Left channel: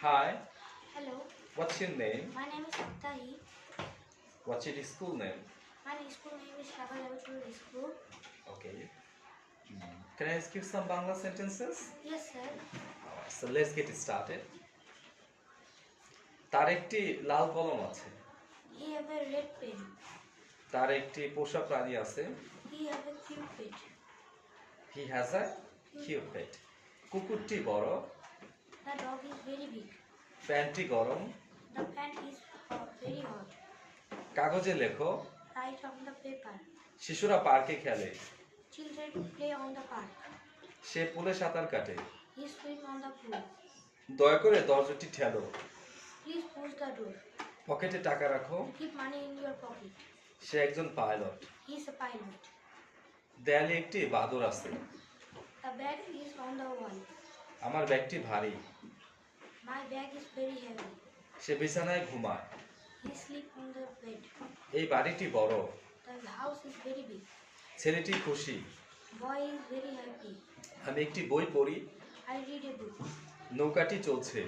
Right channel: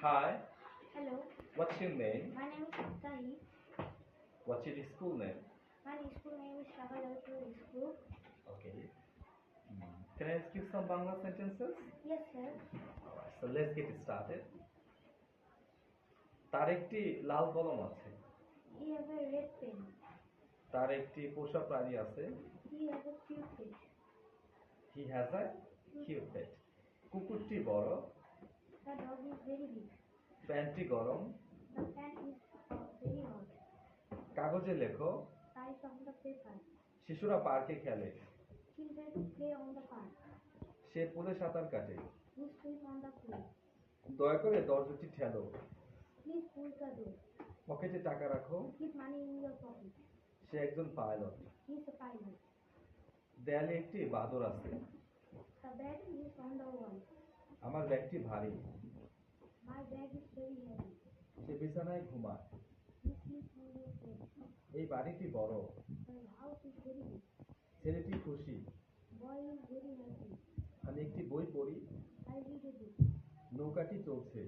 Hi, Hello, what's your name? my name is Tahi. What's your school name? My school name is Shaka Laboratory School. Okay. Can I ask you some Bangla sentences? Yes, sir. Alright, so let's get started. তার একটি লাল কলম আছে। He have a red pen. তার একটি পোষা প্রাণী আছে। He have a cute pet. He has a cute pet. কুকুরটি বড়। The dog is very big. প্যান্টটি গরম। The pan is very hot. কাগজে লেখো। Write on the paper. শিশুরা পার্কে খেলে। Children play on the park. সে পুলে সাঁতার কাটে। He swim on the pool. দয়া করে দরজাটি ঠেলো। Please push the door. পকেটে টাকা রাখো। Keep money in your pocket. সে একজন pilot. He is a pilot. দেয়ালে একটি বাদর আছে। The bag is on the wall. আমার ব্যাগটি ভারী। My bag is very heavy. সে বিছানায় ঘুমায়। He sleep on the bed. এই বাড়িটি বড়। The house is very big. ছেলেটি খুশি। Boy is very happy. আমি একটি বই পড়ি। I read a book. নৌকাটি চলছে।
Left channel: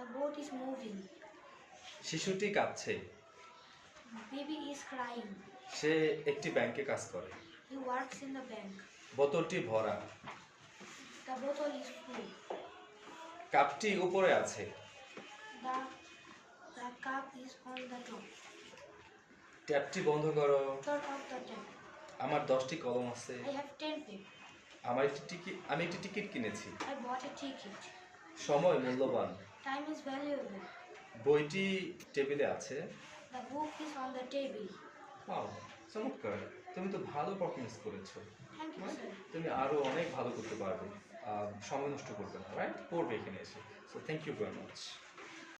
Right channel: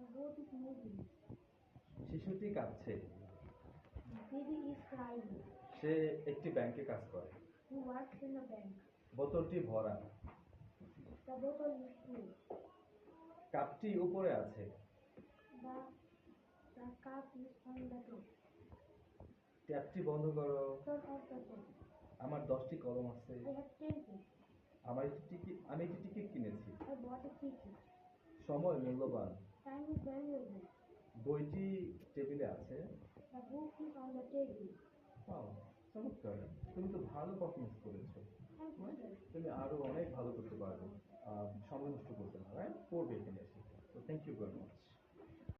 The boat is moving. শিশুটি কাঁদছে। Baby is crying. সে একটি ব্যাংকে কাজ করে। He works in the bank. বোতলটি ভরা। The bottle is full. কাপটি উপরে আছে। The, the cup is on the top. ট্যাপটি বন্ধ করো। Turn off the tap. আমার 10টি কলম আছে। I have 10 pip. আমি একটি টিকিট কিনেছি। I bought a ticket. সময় মূল্যবান। Time is valuable. বইটি টেবিলে আছে। The book is on the table. Wow, চমৎকার। তুমি তো ভালো পারফরমেন্স করেছো। Thank you, sir. তুমি আরো অনেক ভালো করতে পারবে। সময় নষ্ট করবে না, রাইট? পড়বে এখানে এসে। So thank you very much.